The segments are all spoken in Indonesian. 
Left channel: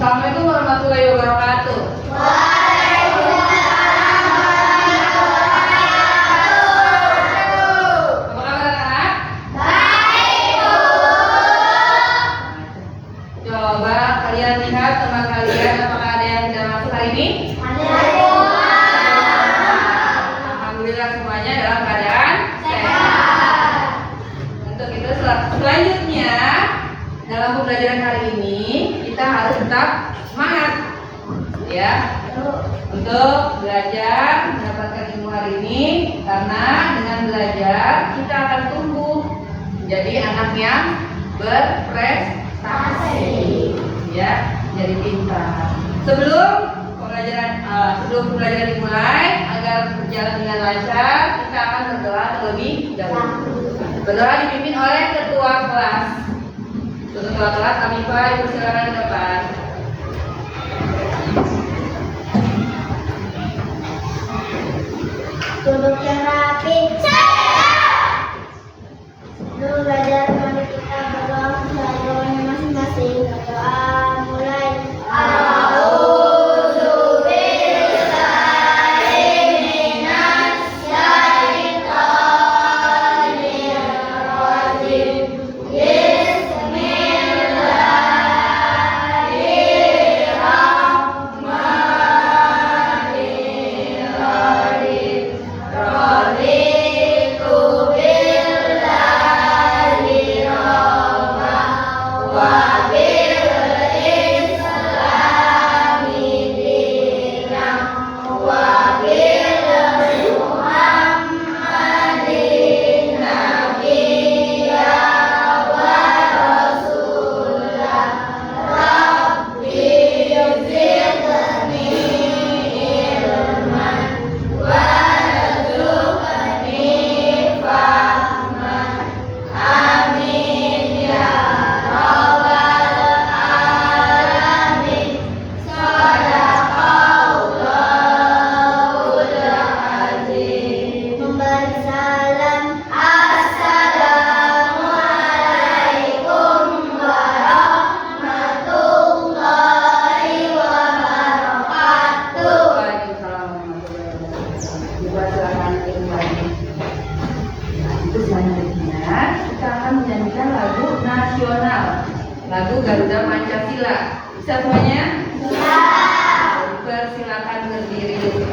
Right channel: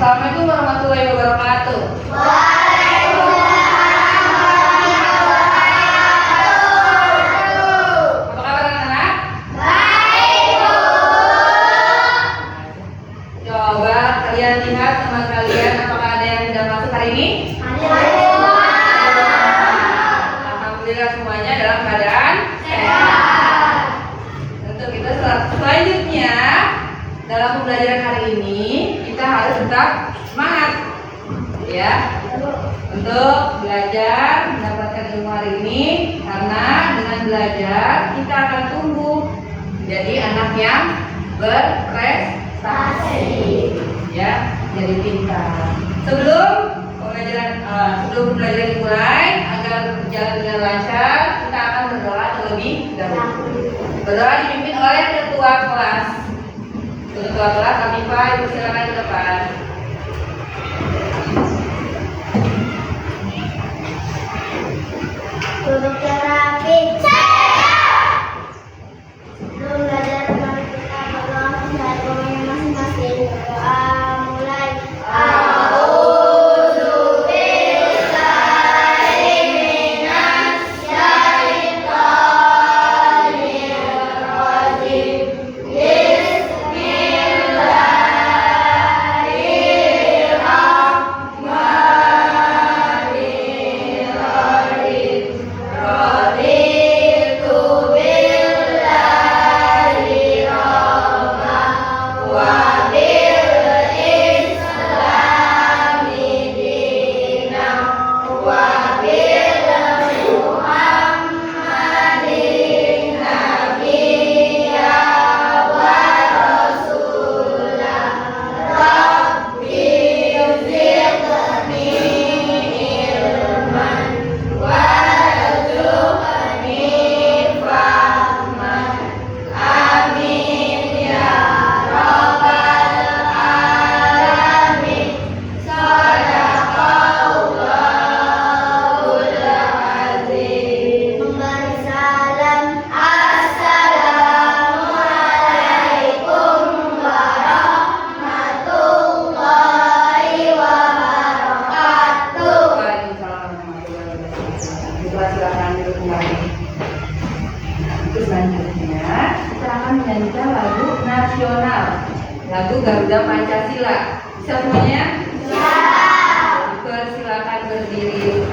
Assalamualaikum warahmatullahi wabarakatuh. Apa kabar anak-anak? Coba kalian lihat teman kalian, apakah ada yang tidak masuk hari ini? Alhamdulillah semuanya dalam keadaan sehat. Untuk itu selanjutnya dalam pembelajaran hari ini kita harus tetap semangat ya untuk belajar mendapatkan ilmu hari ini, karena dengan belajar kita akan tumbuh menjadi anak yang berprestasi ya, jadi pintar. Sebelum pembelajaran dimulai, agar berjalan dengan lancar, kita akan berdoa terlebih dahulu. Berdoa dipimpin oleh ketua kelas. Untuk ketua kelas kami Pak, silakan ke depan. Duduk yang rapi. Sebelum belajar, mari kita berdoa sesuai doanya masing-masing. Berdoa mulai. Selanjutnya kita akan menyanyikan lagu nasional, lagu Garuda Pancasila. Bisa semuanya? Ya. Persilakan berdiri.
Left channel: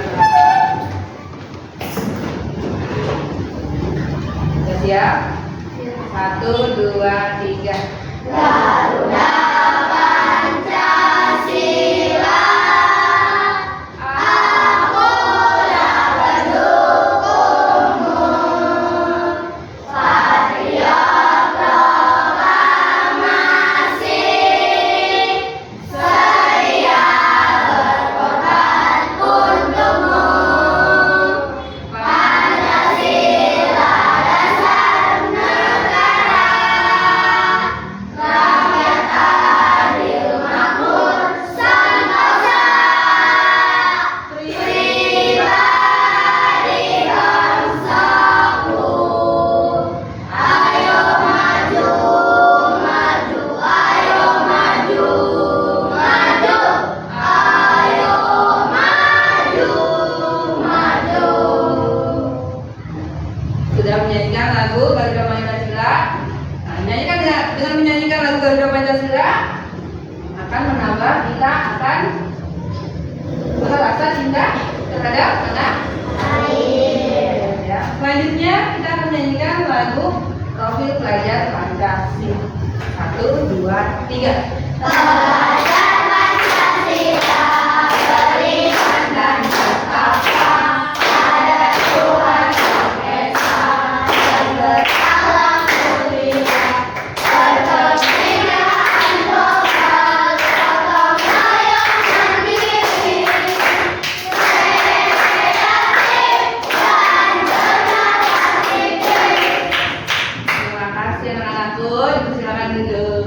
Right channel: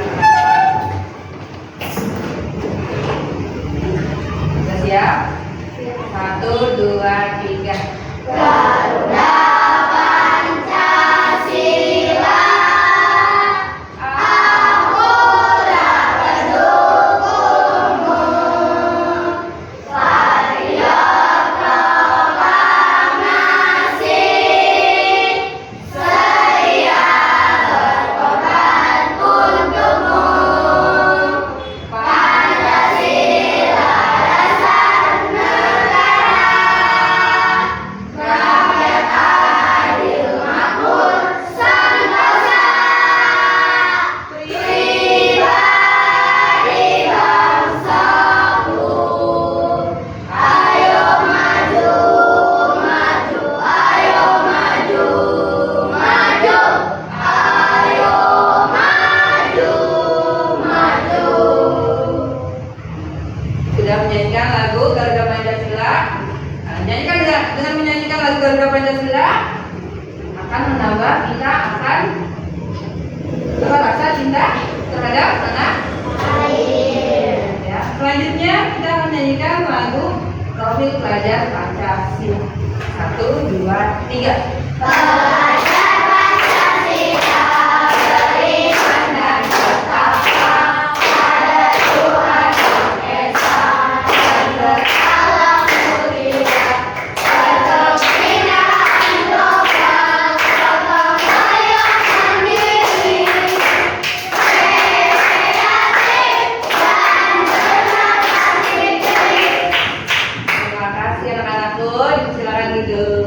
Sudah siap? 1, 2, 3. Garuda Pancasila. Menyanyikan lagu Garuda Pancasila. Dengan menyanyikan lagu Garuda Pancasila akan menambah kita akan rasa cinta terhadap tanah air. Ya. Selanjutnya kita akan menyanyikan lagu Profil Pelajar Pancasila. 1, 2, 3. Terima kasih anak-anakku, silakan duduk.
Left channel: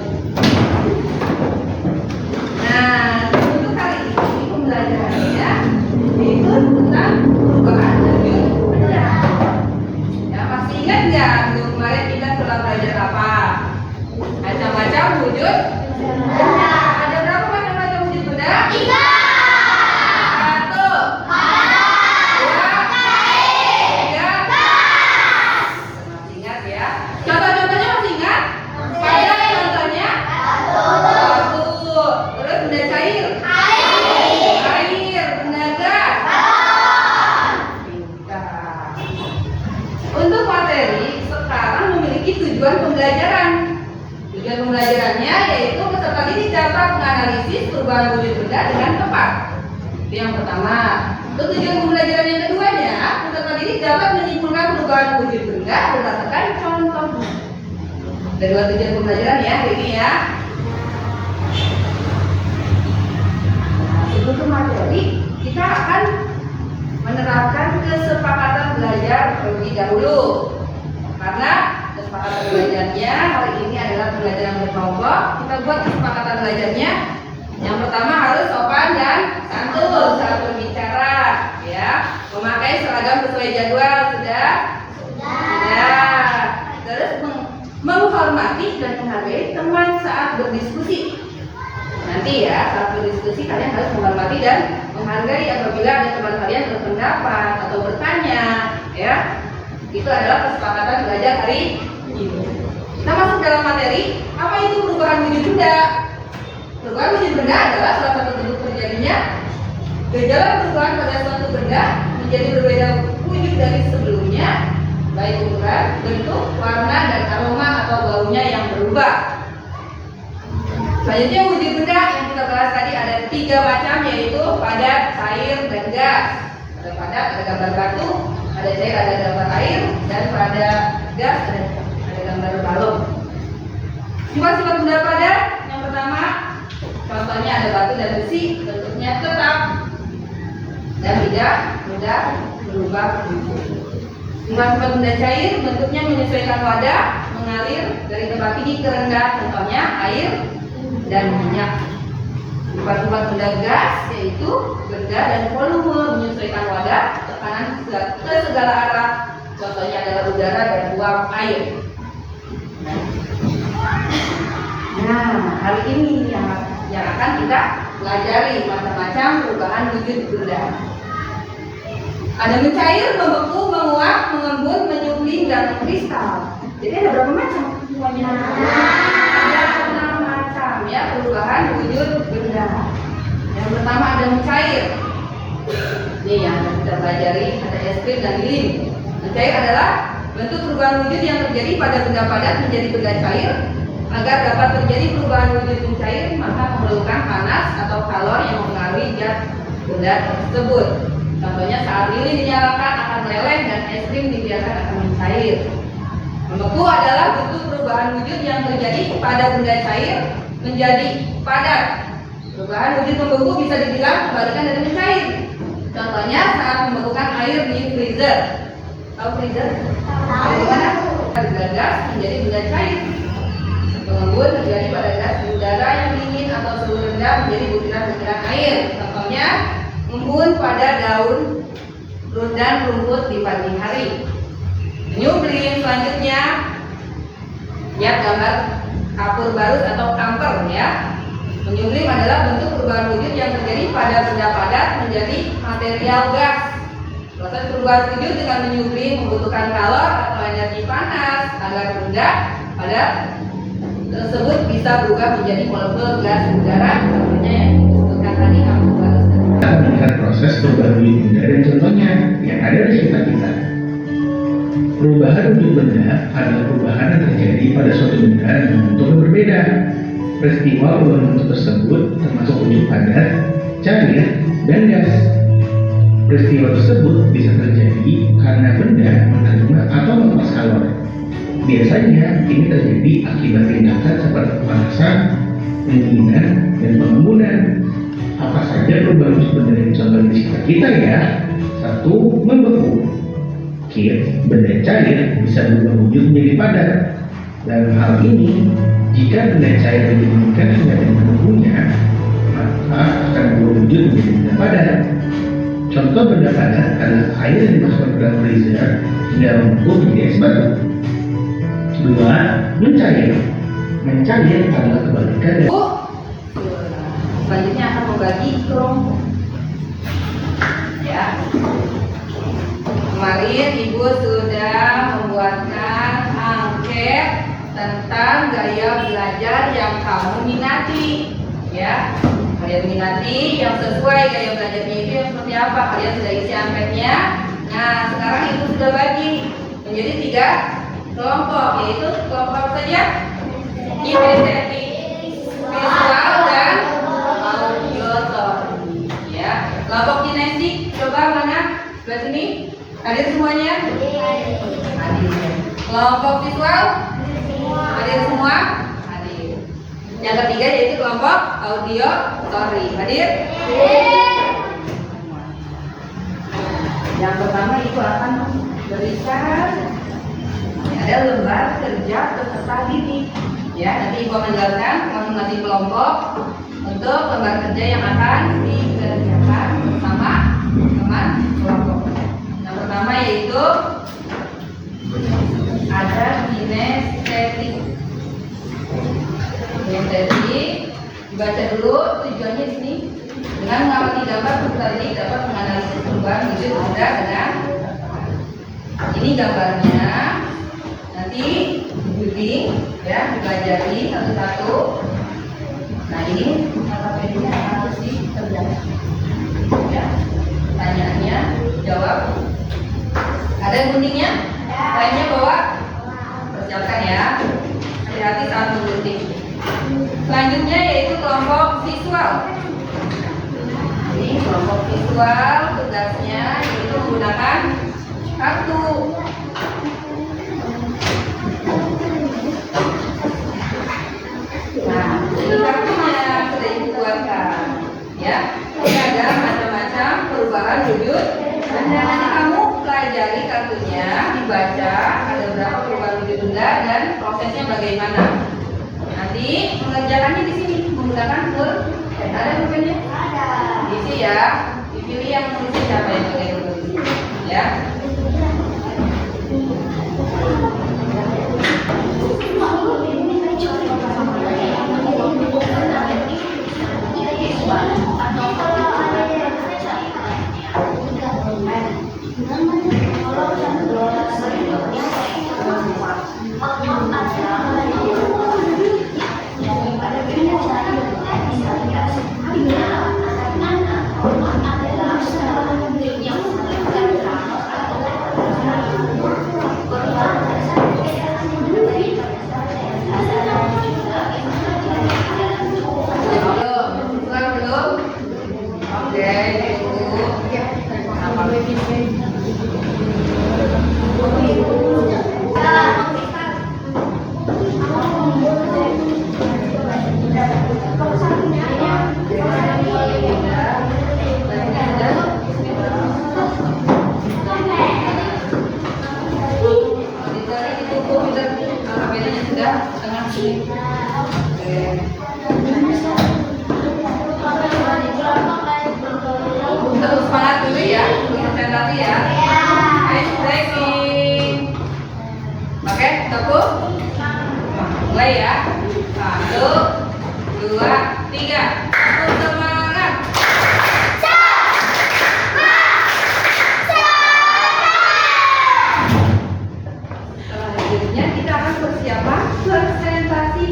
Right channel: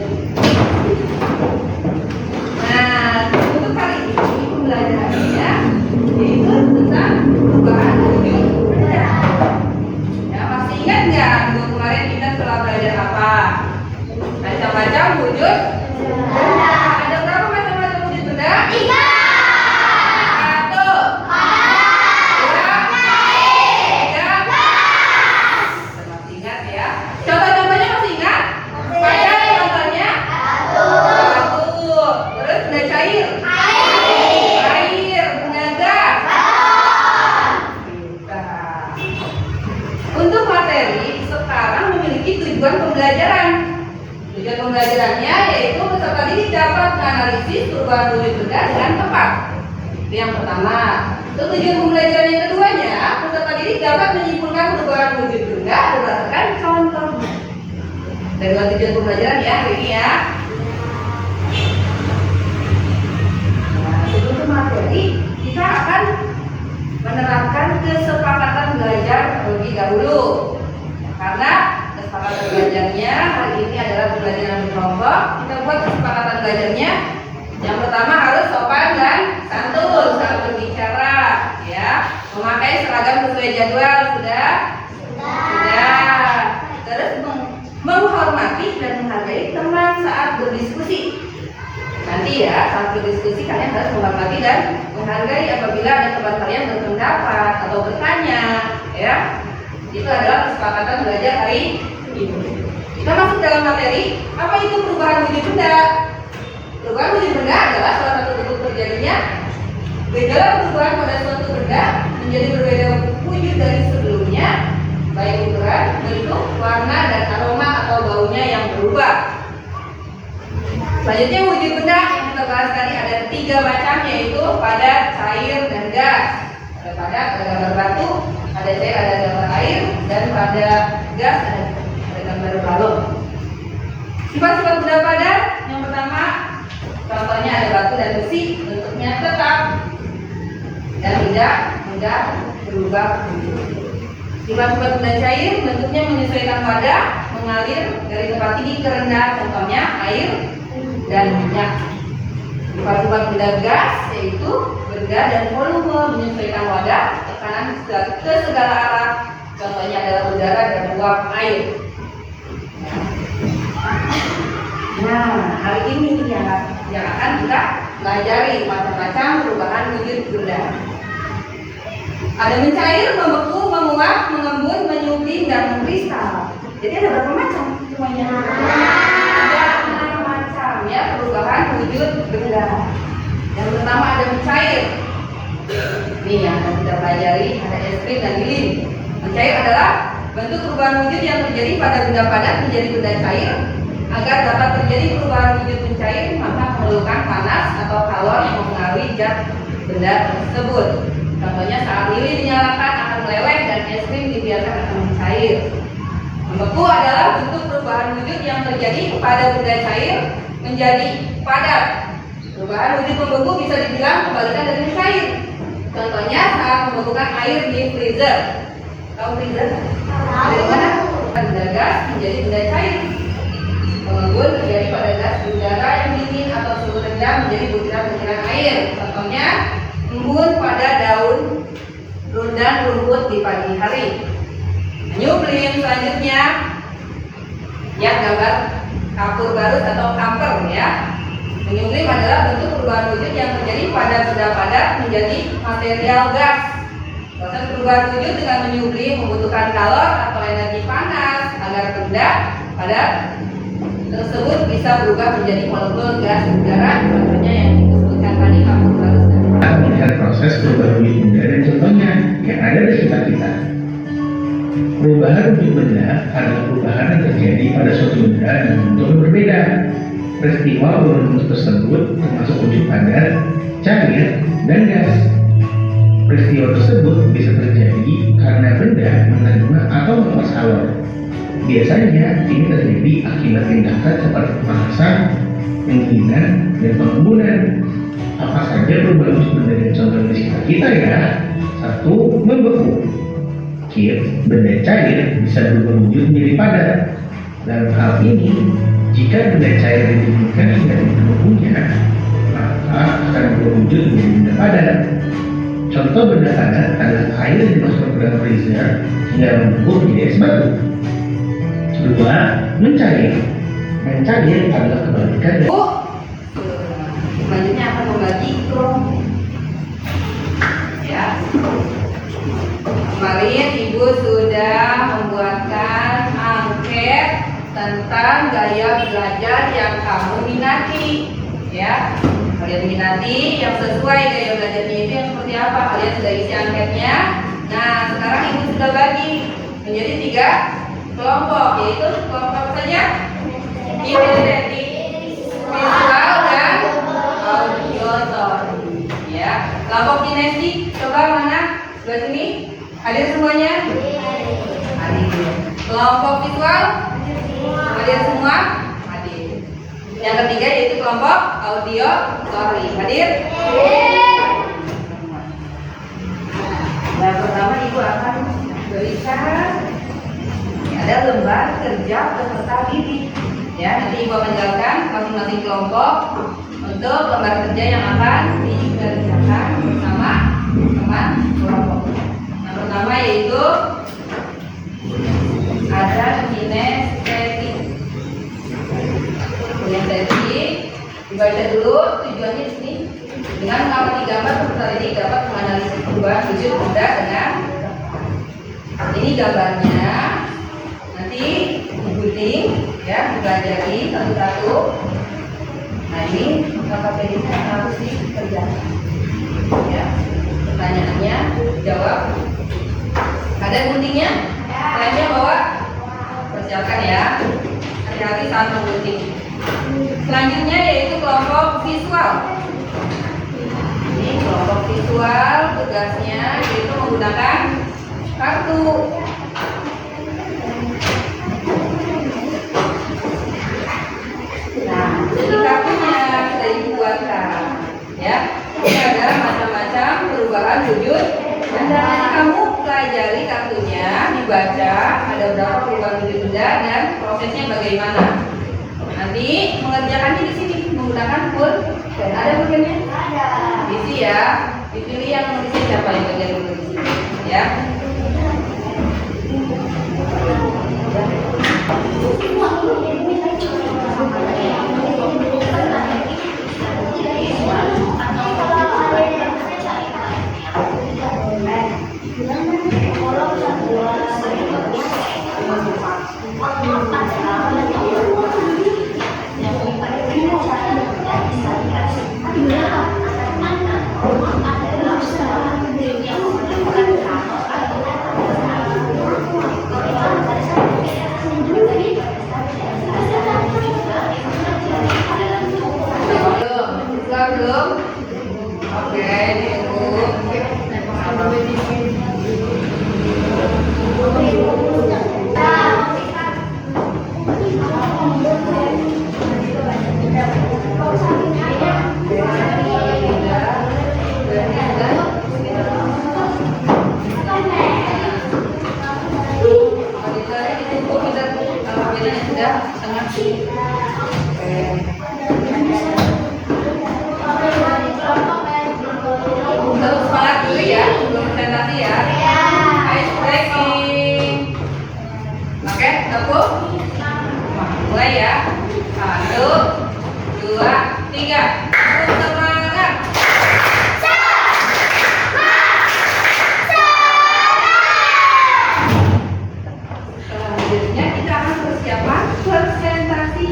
didik dapat menganalisis perubahan wujud benda dengan tepat. Itu yang pertama. Tujuan pembelajaran yang keduanya, peserta didik dapat menyimpulkan perubahan wujud benda berdasarkan contoh. Ada dua tujuan pembelajaran ya hari ini ya. Nah, sebelum materi, kita akan menerapkan kesepakatan belajar terlebih dahulu. Karena kesepakatan belajarnya hari ini adalah pembelajaran berkelompok, kita buat kesepakatan belajarnya. Yang pertama harus sopan dan santun saat berbicara, ya. Memakai seragam sesuai jadwal sudah. Terus menghormati dan menghargai teman saat berdiskusi. Nanti ya saat berdiskusi kalian harus menghormati dan menghargai apabila ada teman kalian berpendapat atau bertanya, ya. Itu adalah kesepakatan belajar hari ini. Kita masuk dalam materi. Apa itu perubahan wujud benda? Perubahan wujud benda adalah salah satu bentuk terjadinya gejala perubahan pada suatu benda menjadi berbeda wujud dari sebelumnya, baik ukuran, bentuk, warna, dan aroma atau baunya yang berubah. Selanjutnya wujud benda yang kita bahas tadi ada 3 macam, yaitu padat, cair, dan gas. Ada padat, ada gambar batu, ada cair, ada gambar air, dan pada gas ada gambar balon. Sifat-sifat benda padat yang pertama, contohnya ada batu dan besi, bentuknya tetap dan tidak mudah berubah bentuk. Sifat-sifat benda cair, bentuknya menyesuaikan wadah, mengalir dari tempat tinggi ke rendah, contohnya air dan minyak. Sifat-sifat benda gas yaitu benda dan volume, menyesuaikan wadah, tekanan ke segala arah, contohnya adalah udara dan uap air. Nah, hari ini yang akan kita pelajari macam-macam perubahan wujud benda. Ada mencair, membeku, menguap, mengembun, menyublim, dan mengkristal. Jadi ada berapa macam semuanya? Ada 6 macam ya perubahan wujud benda. Yang pertama ada mencair. Ini yang akan kita pelajari, ada es krim dan lilin. Mencair adalah bentuk perubahan wujud yang terjadi pada benda padat menjadi benda cair. Agar dapat terjadi perubahan wujud mencair, maka memerlukan panas atau kalor yang mempengaruhi zat benda tersebut. Contohnya saat lilin dinyalakan akan meleleh dan es krim dibiarkan akan mencair. Membeku adalah bentuk perubahan wujud yang terjadi pada benda cair menjadi padat. Perubahan wujud membeku bisa dibilang kebalikan dari mencair. Contohnya saat membekukan air di freezer. Tahu freezer? Dari mana? Benda gas menjadi benda cair. Mengembun terjadi pada zat udara yang dingin atau suhu rendah menjadi butiran-butiran air. Contohnya embun pada daun dan rumput di pagi hari. Menyublim selanjutnya, lihat gambar kapur barut atau kamper ya. Menyublim adalah bentuk perubahan wujud yang terjadi pada benda padat menjadi material gas. Proses perubahan wujud dengan menyublim membutuhkan kalor atau energi panas agar benda padat tersebut bisa berubah menjadi molekul gas udara, contohnya yang disebutkan tadi kapur barut. Melihat proses perubahan wujud benda dan contohnya yang ada di sekitar kita. Perubahan wujud benda adalah perubahan yang terjadi pada suatu benda dengan bentuk yang berbeda. Peristiwa perubahan bentuk tersebut termasuk wujud padat, cair, dan gas. Peristiwa tersebut bisa terjadi karena benda menerima atau melepas kalor. Biasanya ini terjadi akibat tindakan seperti pemanasan, pendinginan, dan pengembunan. Apa saja perubahan wujud benda yang contoh di sekitar kita ya? 1. Membeku. Benda cair bisa berubah wujud menjadi padat. Dalam hal ini, jika benda cair didinginkan hingga membekunya, maka akan berubah wujud menjadi benda padat. Contoh benda padat adalah air yang dimasukkan ke dalam freezer hingga membeku menjadi es batu. 2. Mencair. Mencair adalah kebalikan dari Selanjutnya akan membagi kelompok. Ya. Kemarin Ibu sudah membuatkan angket tentang gaya belajar yang kamu minati. Ya. Kalian minati yang sesuai gaya belajarnya itu yang seperti apa? Kalian sudah isi angketnya. Nah, sekarang Ibu sudah bagi menjadi 3 kelompok, yaitu kelompok apa saja? Kinestetik, visual dan auditory. Ya, kelompok kinestetik coba mana? Sebelah sini. Hadir semuanya? Hadir. Kelompok visual? Hadir semua? Hadir. Yang ketiga yaitu kelompok auditory. Hadir? Yang pertama ibu akan berikan ada lembar kerja peserta didik. Ya, nanti ibu akan jelaskan masing-masing kelompok untuk lembar kerja yang akan dikerjakan bersama teman kelompok. Yang pertama yaitu ada kinestetik. Kinestetik dibaca dulu tujuannya di sini. Dengan mengamati gambar peserta didik dapat menganalisis perubahan wujud benda dengan ini gambarnya. Nanti digunting ya, dipelajari satu-satu. Nah ini KKPD-nya harus dikerjakan. Ya, pertanyaannya jawab. Ada guntingnya? Lainnya bawa. Persiapkan ya. Hati-hati saat menggunting. Selanjutnya yaitu kelompok visual. Ini kelompok visual tugasnya yaitu menggunakan kartu. Nah, ini kartunya sudah dibuatkan, ya. Ini ada macam-macam perubahan wujud. Dan nanti kamu pelajari kartunya, dibaca ada berapa perubahan wujud benda dan prosesnya bagaimana. Nanti mengerjakannya di sini menggunakan pulpen. Ada pulpennya? Ada. Isi ya. Dipilih yang nulisnya siapa yang bagian nulis. Ya. Terus semangat dulu ya, presentasi ya. Ice breaking. Oke, tepuk. Mulai ya. 1, 2, 3. Semangat. Selanjutnya kita akan persiapan presentasi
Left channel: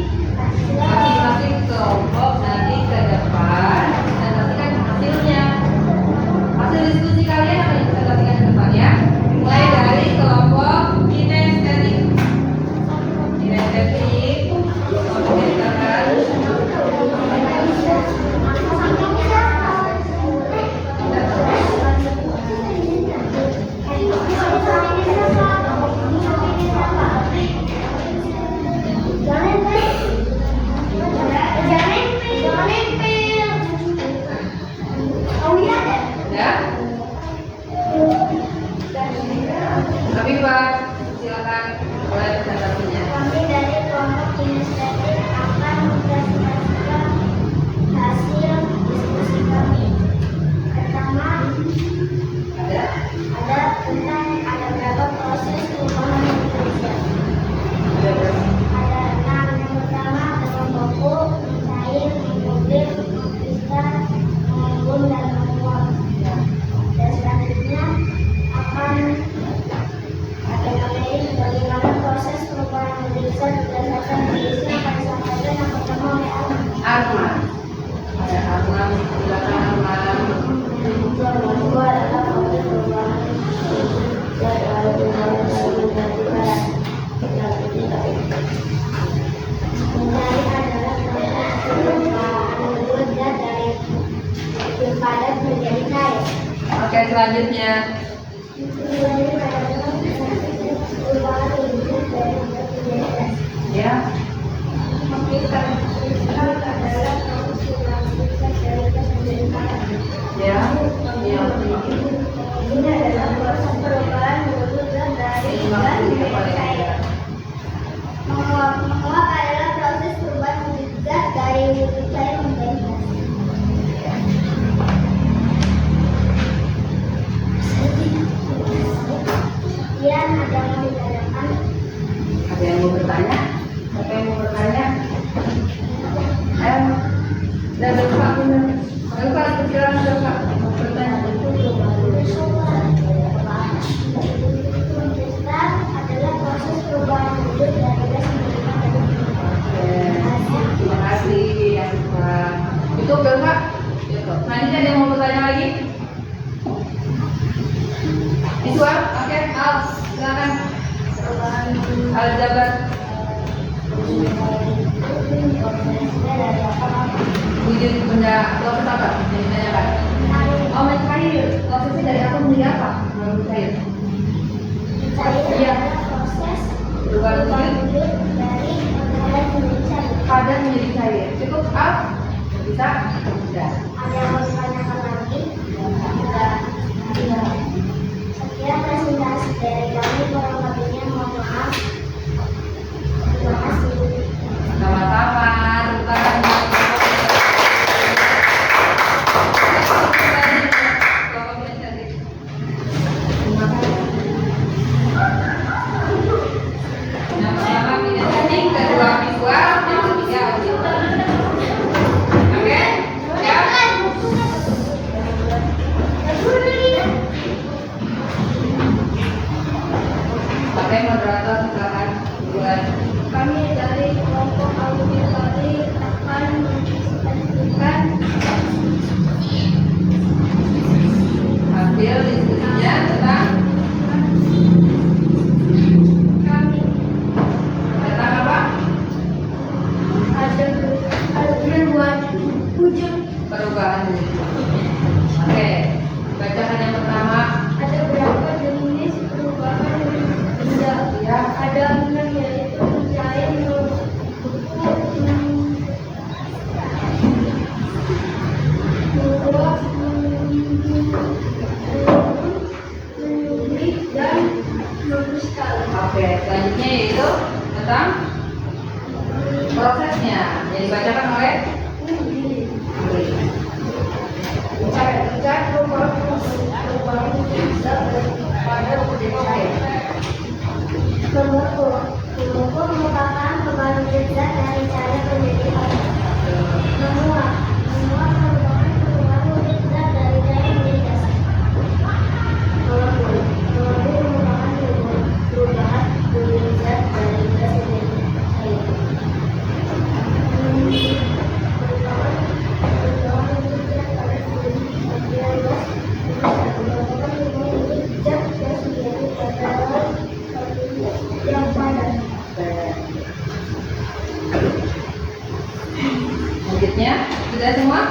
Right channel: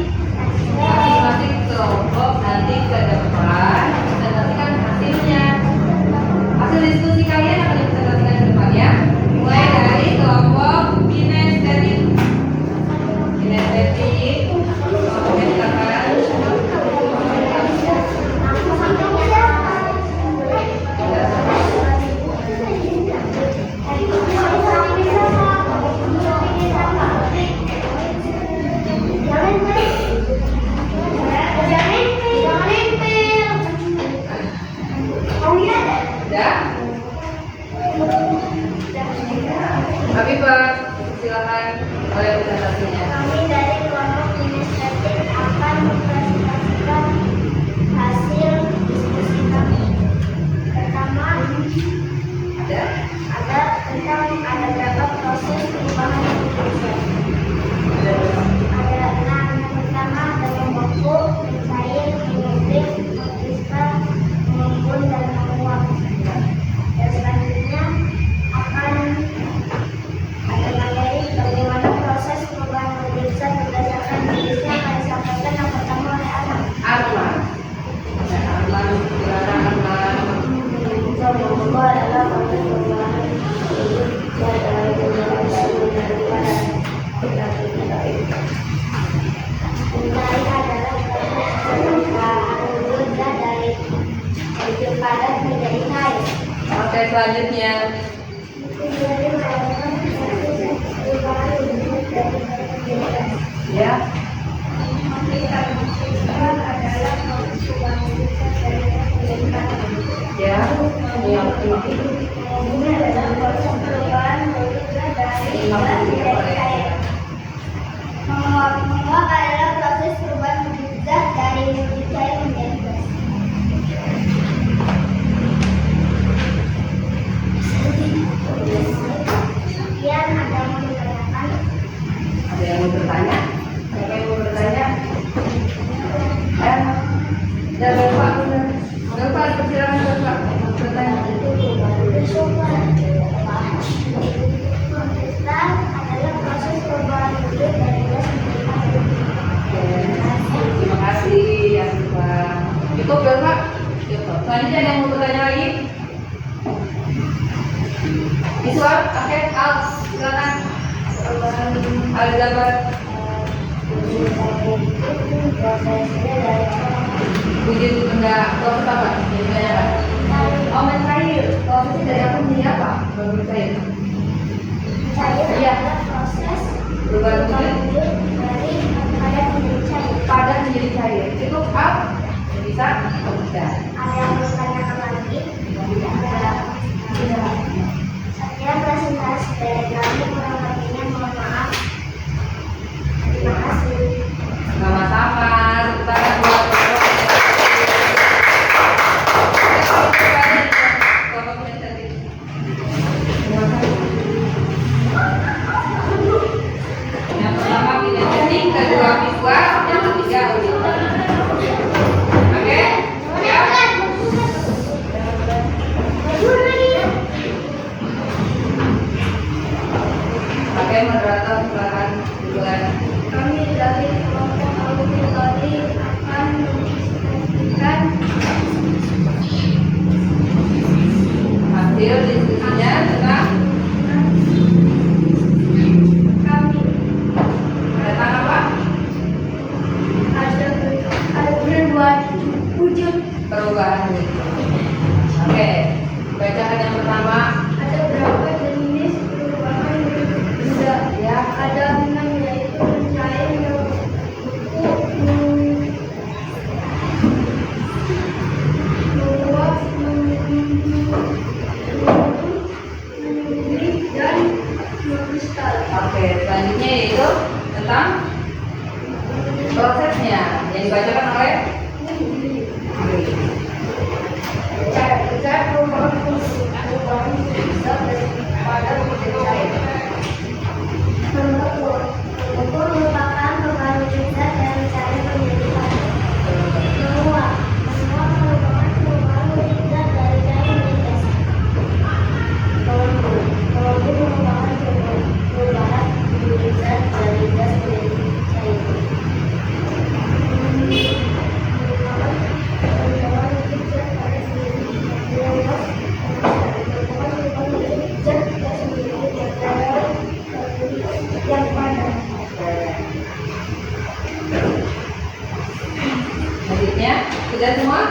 masing-masing kelompok nanti ke depan presentasikan hasilnya. Hasil diskusi kalian akan dipresentasikan ke depan ya. Mulai dari kelompok kinestetik. Kinestetik kelompoknya silakan. Tapi Pak, silakan mulai presentasinya. Kami dari kelompok kinestetik akan mempresentasikan hasil diskusi kami. Pertama, ada tentang ada berapa proses perubahan manusia. Ada 6. Yang pertama ada membeku, mencair, mengubah, mengkristal, mengembun dan menguap. Dan selanjutnya akan ada materi bagaimana proses perubahan wujud zat berdasarkan jenisnya. selanjutnya. Ya. Ya. Yang ini adalah proses perubahan wujud dari gas menjadi cair. Menguap adalah proses perubahan wujud gas dari wujud cair menjadi gas. Sekian, ada yang mau ditanyakan? Ada yang mau bertanya? Siapa yang mau bertanya? Ayo, dan Bapak benar. Bapak persilakan Bapak mau bertanya. Kontestan adalah proses perubahan wujud dari gas menjadi cair. Terima kasih ya Bapak. Itu Bapak. Selanjutnya ada yang mau bertanya lagi? Iswar, akhir, Al, silakan. Al Jabar. Wujud benda proses apa? Ditanyakan. Oh, mencair. Prosesnya dari apa menjadi apa? Baru mencair. Cair Iya. adalah proses Perubahan perubahan wujud wujud dari padat menjadi cair. padat menjadi cair. Cukup Al? Bisa? Tidak. Ada yang mau ditanyakan lagi? Tidak. Sekian presentasi dari kami, kurang lebihnya mohon maaf. Terima kasih. Sama-sama. Tepuk tangan buat Bapak. Bapak presentasi. Terima kasih. Yang pertama kita setting, kedua visual, yang ketiga audio. Oke? Siap? Oke, moderator silakan dimulai. Kami dari kelompok alumni tadi akan menyaksikan Hasil diskusinya tentang kami tentang apa? ada berbuat wujud. Perubahan wujud. Oke, bacakan yang pertama. Ada berapa jenis perubahan benda? Ya, Ada 6, yaitu mencair, menguap, menyubli, dan mengkristal. oke. Selanjutnya yaitu tentang prosesnya yang dibacakan oleh Bicara perubahan bisa pada menjadi cair. Pembeku merupakan perubahan wujud zat dari cair menjadi padat. Menguap merupakan perubahan wujud zat dari cair menjadi gas. Menguap merupakan perubahan wujud zat dari gas menjadi cair. Yang padat. Selanjutnya sudah semua?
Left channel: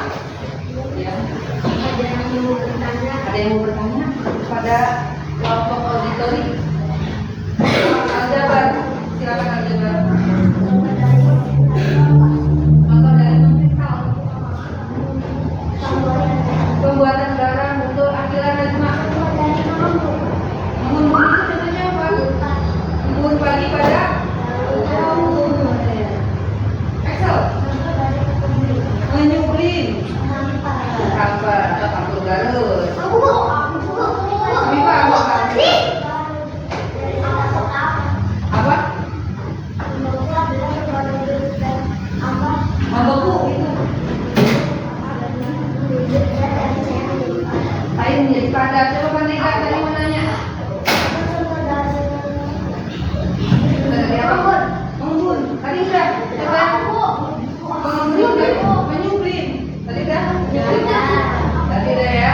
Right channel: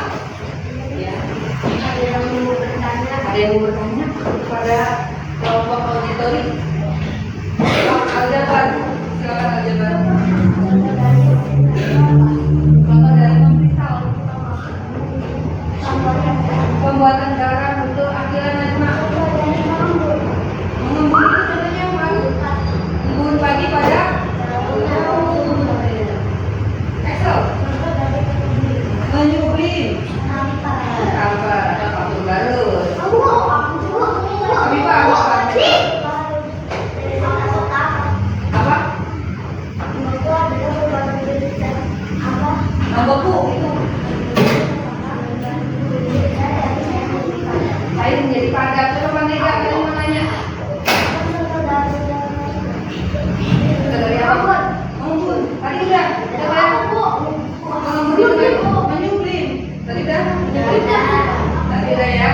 Ya. Ada yang mau bertanya? Ada yang mau bertanya kepada kelompok auditori? Aljabar, silakan Aljabar. Contoh dari mengkristal. Pembuatan garam untuk akhiran najma. Mengembun itu contohnya apa? Mengembun pagi pada Excel. Menyublim. Apa? Apa garut? Apa? Nambaku itu. Air menjadi padat. Coba Nega tadi mau nanya. Dari apa? Mengembun. Tadi udah. Mengembun itu tadi menyublim. Tadi udah. Tadi udah ya.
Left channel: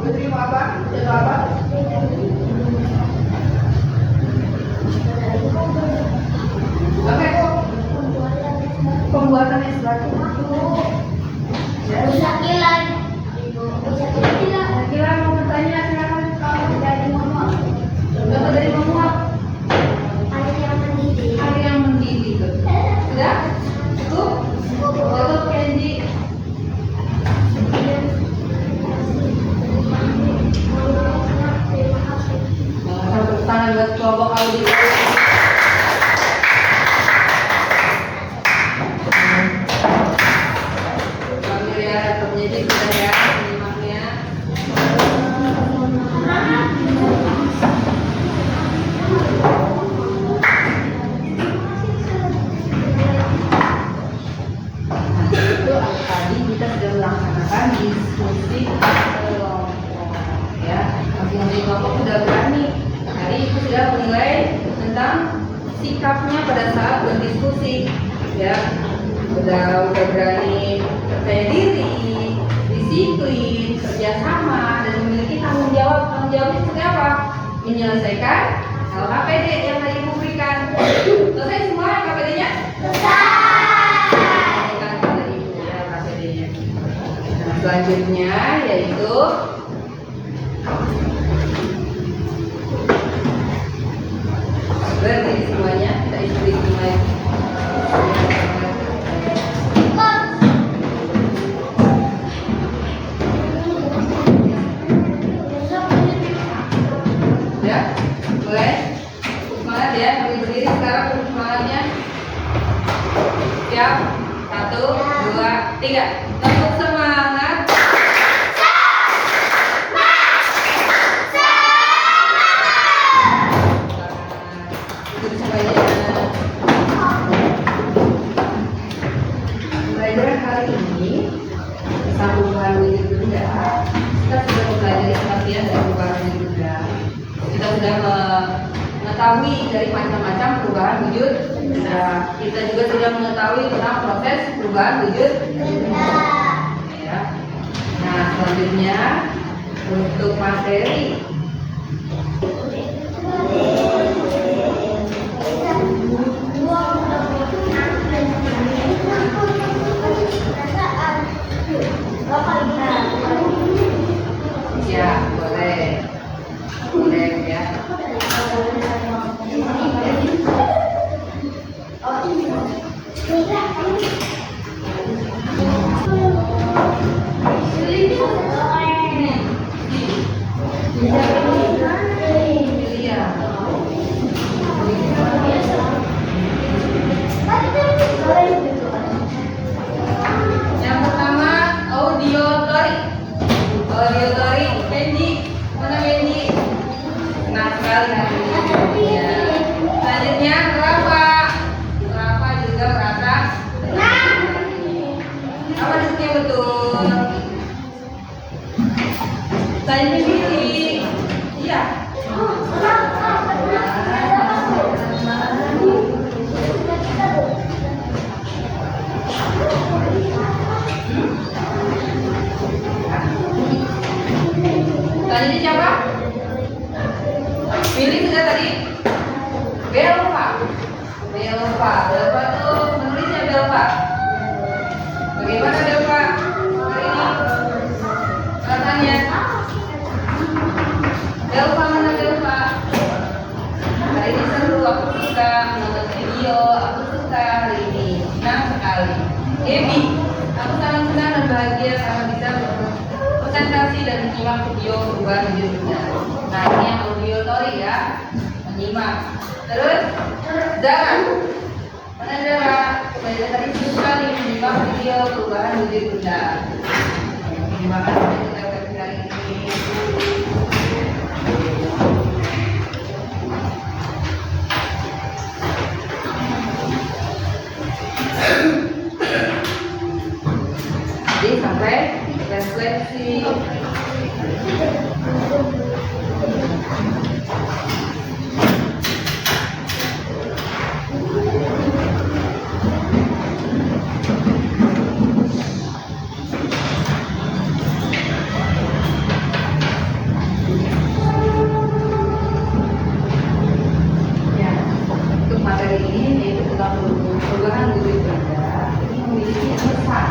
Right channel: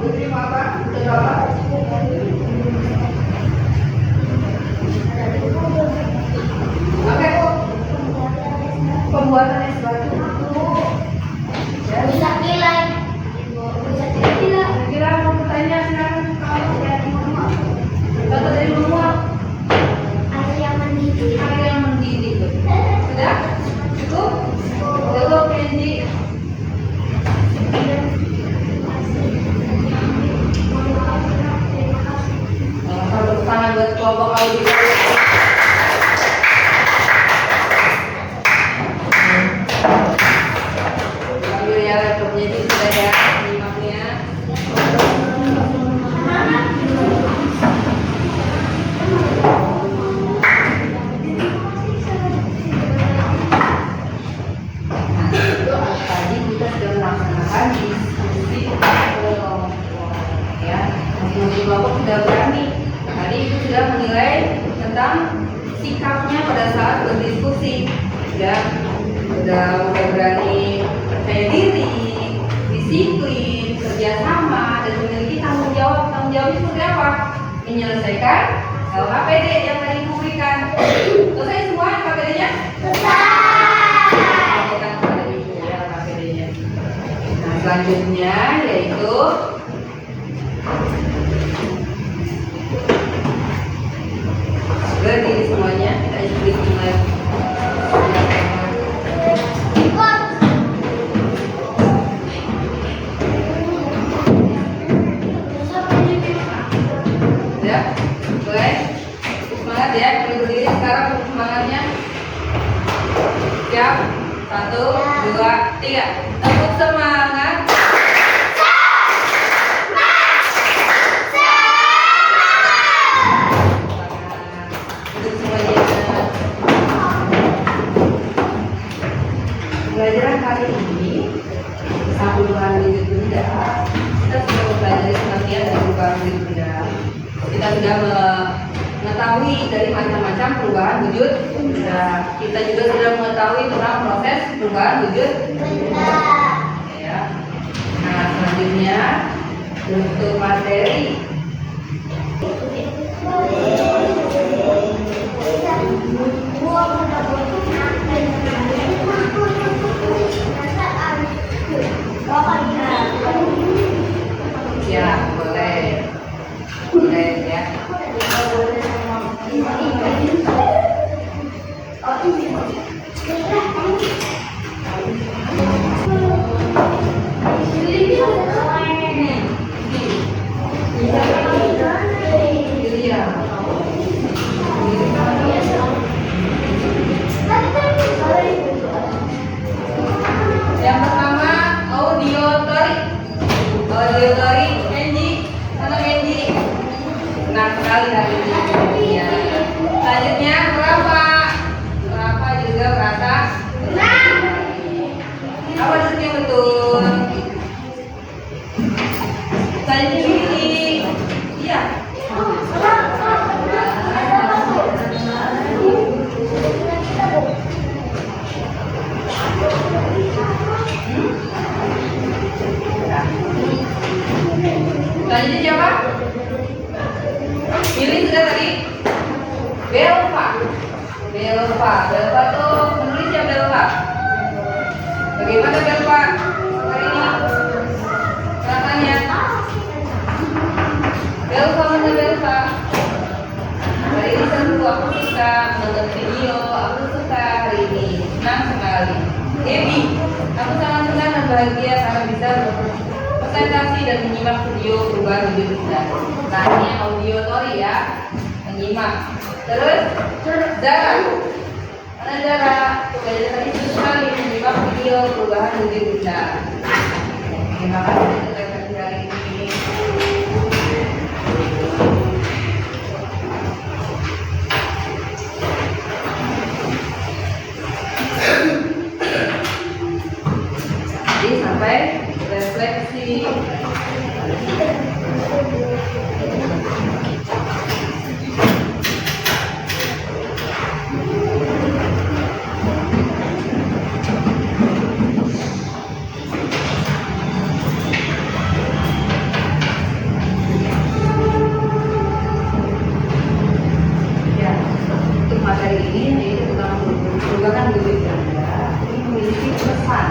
Terima apa? Coba apa? Oke. Pembuatan es batu. Ya. Bisa kilat. Bisa kilat. Kira mau kelompok auditori. Ambil ya laptopnya, jadi sudah ya menyimaknya. Itu tadi kita sudah melaksanakan diskusi kelompok ya. Masing-masing kelompok sudah berani. Tadi itu sudah menilai tentang sikapnya pada saat berdiskusi ya. Udah berani percaya diri, disiplin, kerjasama, dan memiliki tanggung jawab. Tanggung jawabnya seperti apa? Menyelesaikan KPD yang tadi diberikan. Selesai semua KPD-nya? Nah, selanjutnya yaitu berdiri semuanya, kita ikuti ingat. Ya, boleh? Semangat ya, kita berdiri sekarang untuk semangatnya. Siap? 1, 2, 3. Tepuk semangat. Duduk semuanya. Pembelajaran hari ini tentang perubahan wujud benda. Kita sudah mempelajari pengertian dari perubahan wujud benda. Kita sudah mengetahui dari macam-macam perubahan wujud benda. Kita juga sudah mengetahui tentang proses perubahan wujud benda. Ya. Nah, selanjutnya untuk materi. Ya, boleh. Boleh ya. Yang pertama audiotori. Audiotori, Menji. Mana Menji? Senang sekali hari ini. Ya. Selanjutnya berapa? Berapa juga merasa senang. Apa maksudnya betul? Selanjutnya pilih. Iya. Selanjutnya siapa? Pilih sudah tadi. Belva. Belva. Belva tuh menulisnya Belva. Bagaimana Belva hari ini? Katanya. Belva mana Belva? Hari ini seru, aku suka menonton video, aku suka hari ini. Senang sekali. Happy. Aku sangat senang dan bahagia karena bisa presentasi dan menyimak video perubahan wujud benda. Nah, ini yang audiotori ya, menyimak. Terus Zara, mana Zara? Belajar tadi sekali menyimak video perubahan wujud benda. Terima kasih sudah belajar hari ini. Jadi sampai refleksi. Ya, untuk materi ini yaitu tentang perubahan wujud benda. Ini memiliki pesan.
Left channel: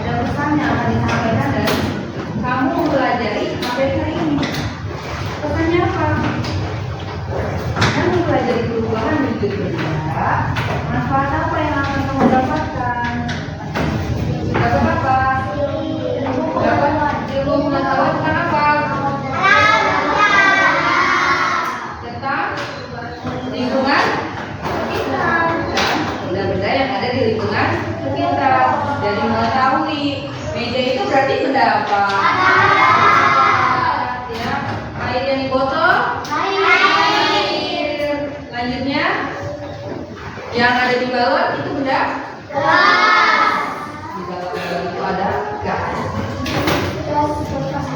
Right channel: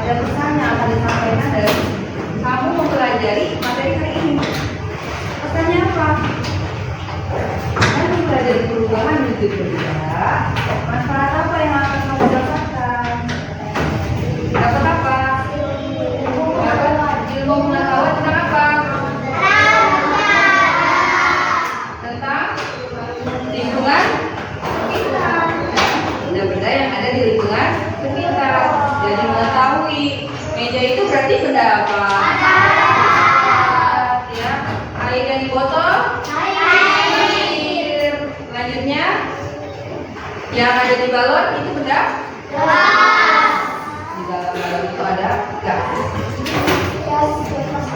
Ada pesan yang akan disampaikan dari kamu mempelajari materi hari ini. Pesannya apa? Kamu mempelajari perubahan wujud benda. Manfaat apa yang akan kamu dapatkan? Dapat apa? Dapat ilmu pengetahuan tentang apa? Tentang botol air. Selanjutnya yang ada di balon itu benda Gelas. di dalam balon itu ada gas. Gas kulkas.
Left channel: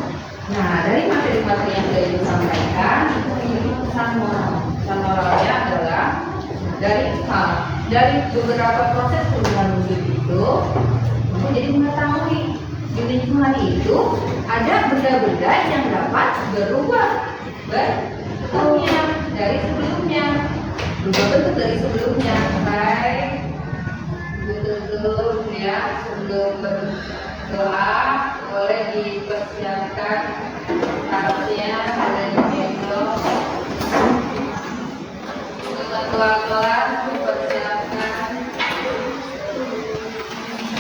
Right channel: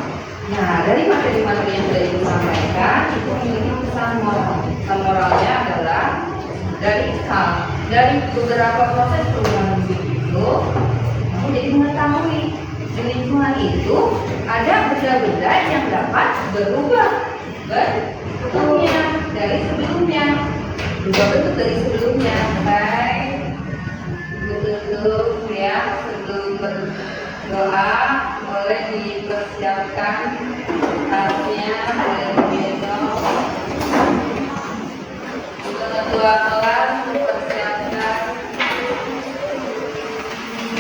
Nah, dari materi-materi yang sudah Ibu sampaikan itu memiliki pesan moral. Pesan moralnya adalah dari beberapa proses perubahan hidup itu, aku jadi mengetahui di lingkungan itu ada benda-benda yang dapat berubah bentuknya dari sebelumnya, berubah bentuk dari sebelumnya. Baik, betul-betul ya, sebelum berdoa boleh dipersiapkan tasnya, boleh digendong. Ketua kelas dipersiapkan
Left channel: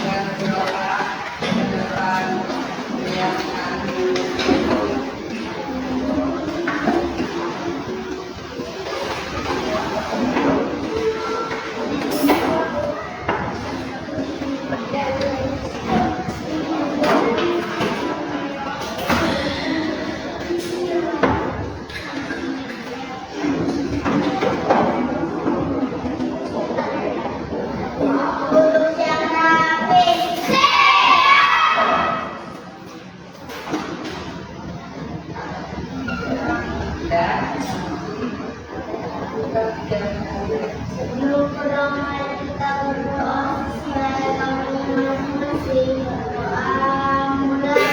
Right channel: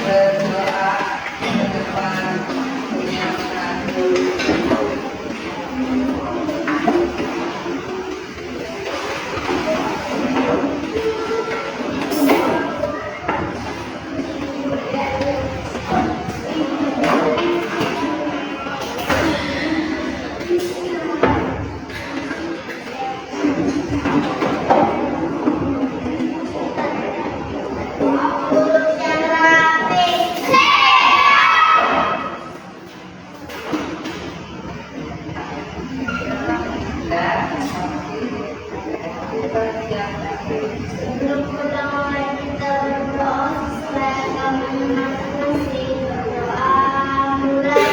berdoa ke depan, menyiapkan Duduk yang rapi. Sebelum pertama kita berdoa sesuai agama masing-masing. Berdoa mulai.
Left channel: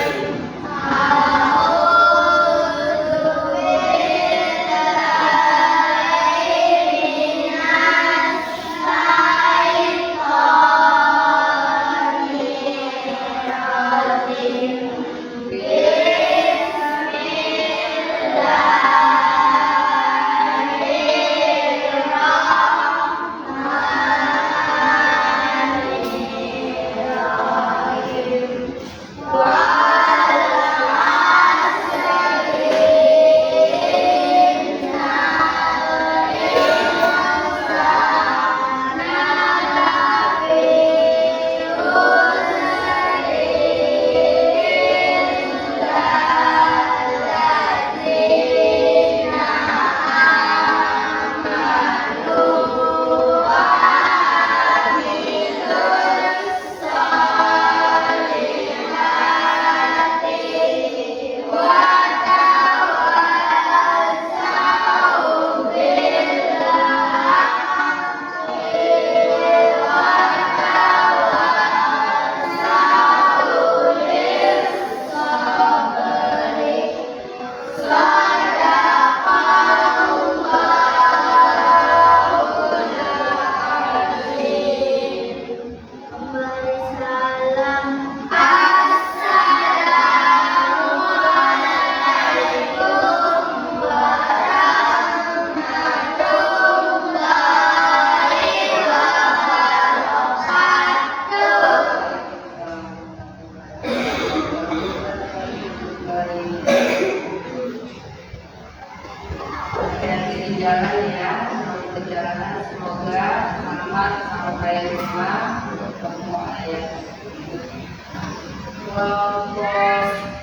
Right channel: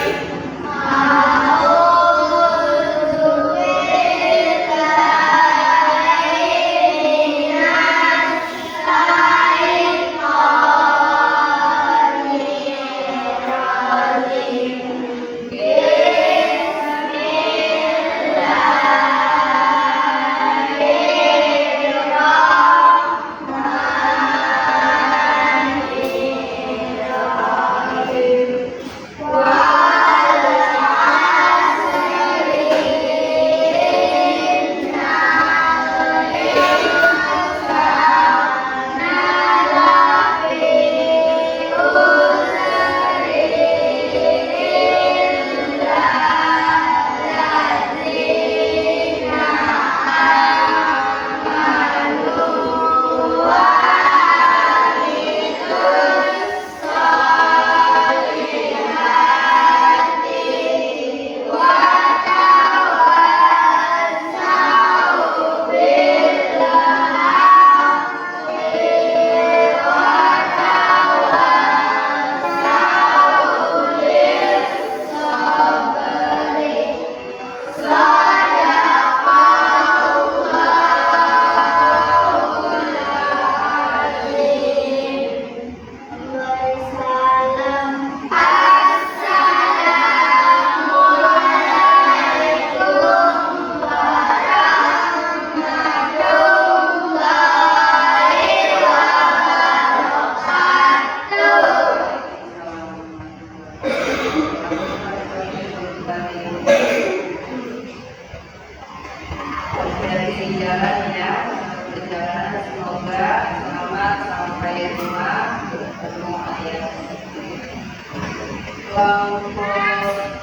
Hati-hati di jalan ya, selamat berjalan, semoga selamat sampai rumah semua ya. Kelompok